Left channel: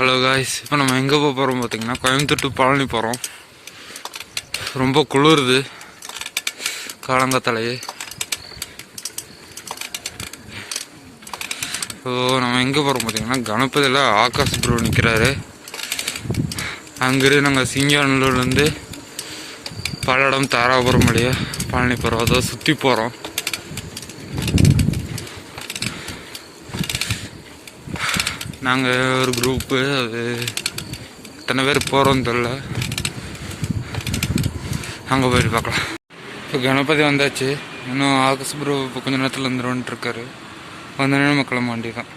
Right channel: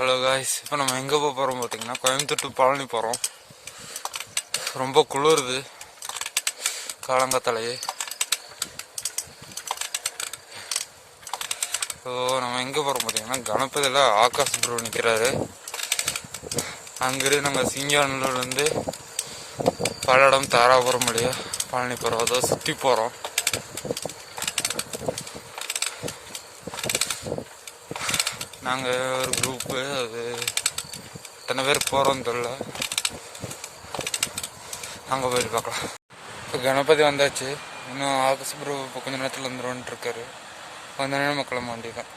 Hello guys, இப்போ நம்ம எங்கே போகிறோம் பார்த்தீங்கன்னா கோயம்புத்தூர் டு பழனி போகிறோம். ரொம்ப குளிருது காலங்காத்தாலேயே. ஸோ நம்ம எங்கே போகிறோம் பார்த்தீங்கன்னா கணபதியில் ஆகாஷ் ப்ரோ நிற்கிறாரு. அங்கிருந்து நாங்கள் சிங்கானூர்லேருந்து பல்லடம் தாராபுரம் வழியா பழனி போகிறோம். அதை சுற்றி போகிறோம். நாங்கள் ஒரு குரூப்பு, அது எத்தனை பேர் போகிறோன்னு தெரில. அங்கே போயிட்டு பார்க்கலாம். இப்போ கணபதி வந்தாச்சு. இன்னும் ஆகாஷ் ப்ரோ இப்போ கொஞ்சம் நேரத்தில் வந்துடுவோன்ட்டு இருக்காரு. வந்தோடனே நம்ம கிளம்ப வேண்டியதான்.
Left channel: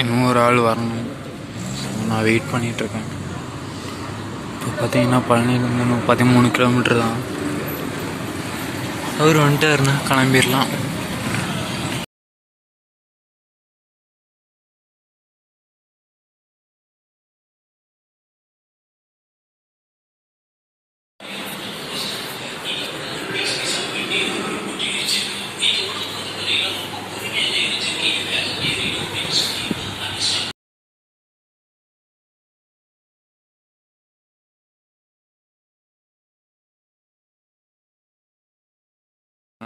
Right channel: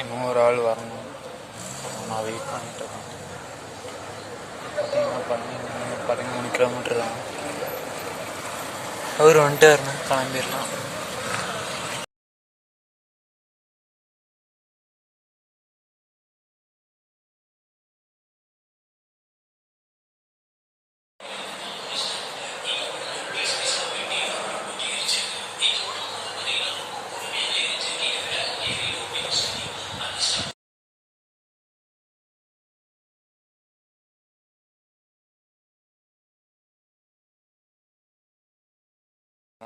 இன்னும் ஒரு ஆள் வரணும். நான் வெயிட் பண்ணிகிட்ருக்கேன். இப்போ பார்த்தீங்கன்னா பழனி 13 கிலோமீட்டர் தான். அவர் வந்துட்டாருன்னா கிளம்பிடலாம்.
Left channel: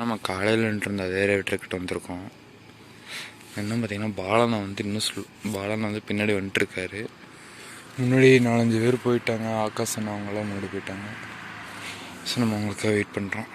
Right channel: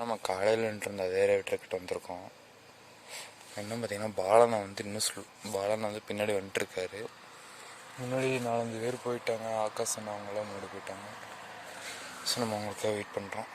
நம்ம காலையில் இருந்த அதே ரேட்டுக்கிட்ட வந்திருக்கோம். என்ன பார்த்தீங்கன்னா பாலனை வந்து பின்னாடி வந்துட்டுருக்காரு. முன்னாடி 4-5 பேர் போயிட்டாங்க. ஆகாஷன் அவங்களாம் முன்னாடி போயிட்டாங்க. ஸோ நம்ம அவங்களுக்காக வெயிட் பண்ணுறோம்.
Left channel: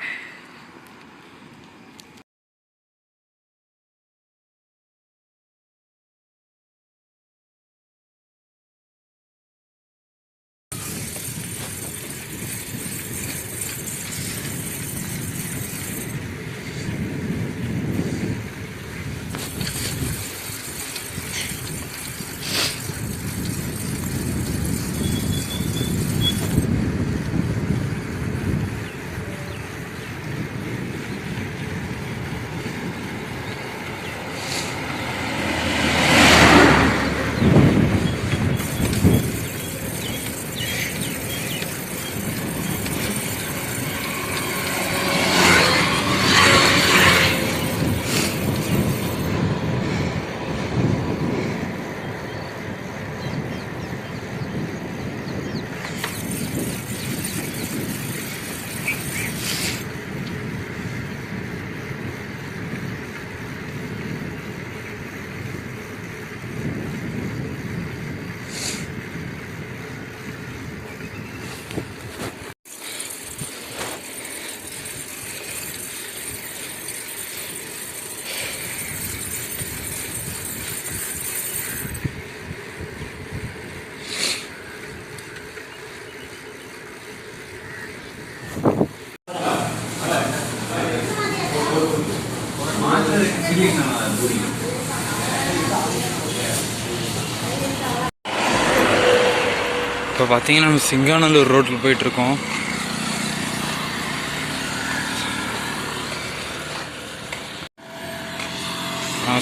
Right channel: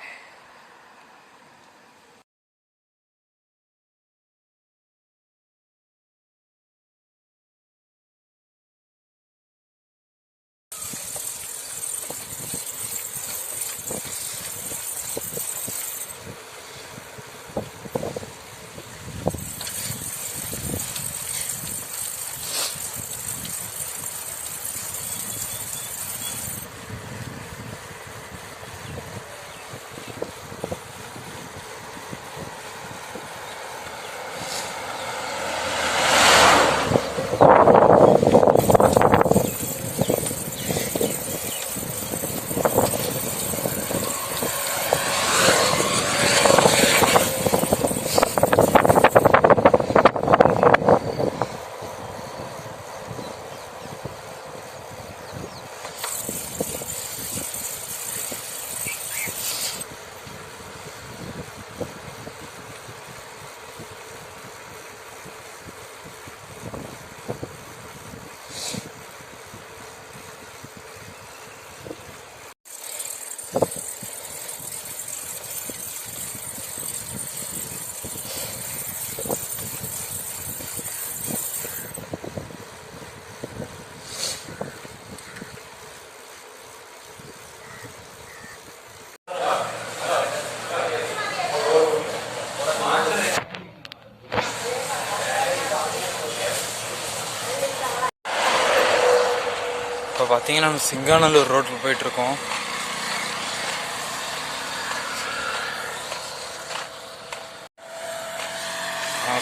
இப்போ பார்த்தீங்கன்னா நம்ம சிங்காநல்லூர் ரோட்டில் போயிட்டுருக்கோம்.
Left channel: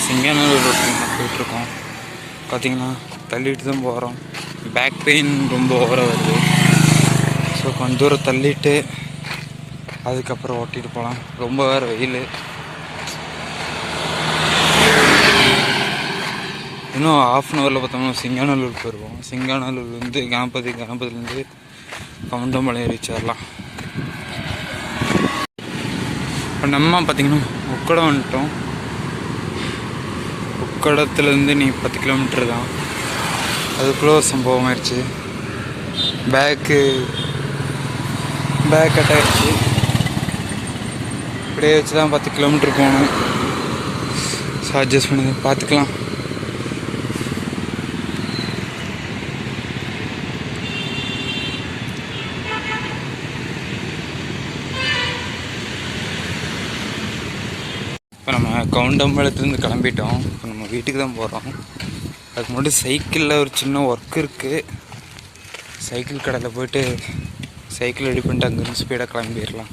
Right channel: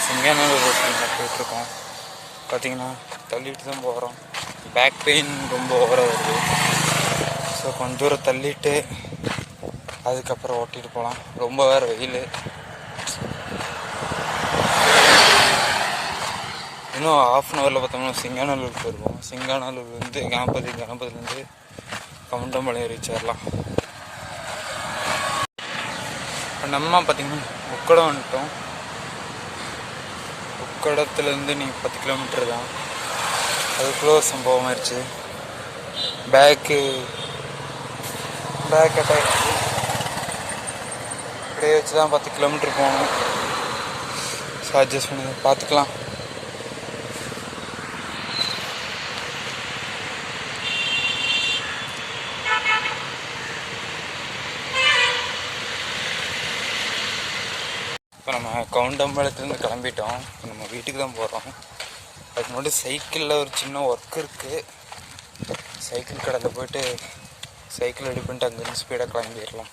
சிங்காநல்லூர் ரோட்டில் போயிட்டுருக்கோம். பார்த்தீங்கன்னா தள்ளிட்டு தான் போகிறோம். பேக் பெயின் ரொம்ப ஓவராக வருது. ஸோ கொஞ்சம் தூரம் தள்ளிட்டு அதுக்கப்புறம் ஓட்டிகிட்டு போகலாம். ரொம்ப வேறு வெயில். இன்னும் ½ அன் ஹவரில் பார்த்தோம்னா சிங்காநல்லூர் போயிடுவோம். சிங்காநல்லூர்லேருந்து கணபதிலேருந்து கவுண்டம்பாளையம் ரீச் ஆகலாம். இப்போ நம்ம பார்த்திங்கன்னா உக்கடம் வந்துட்டோம். உக்கடத்துலேருந்து நீ 10 கிலோமீட்டர் தான். அதுக்குள்ளே ஒரு சம்பவம் ஆயிடுச்சு. பேக் கட் ஆகிடுச்சு. இப்படியே வச்சு தான் 10 கிலோமீட்டர் போகணும். ஸோ அட்ஜஸ்ட் பண்ணி பார்த்துக்கலாம். இப்போ நம்ம கவுண்டம்பாளையத்துலேருந்து கிளம்பிட்டோம். இப்போ நம்ம வீட்டுக்கு தான் போகிறோம். அதுக்கு முன்னாடி சைக்கிளில் ஒரு சின்ன ஒர்க் இருக்குது. சைக்கிள் கடையில் போய்ட்டு சைக்கிள் ரெடி பண்ணிட்டு அங்கேருந்து ஸ்பீடாக கிளம்பிடலாம்.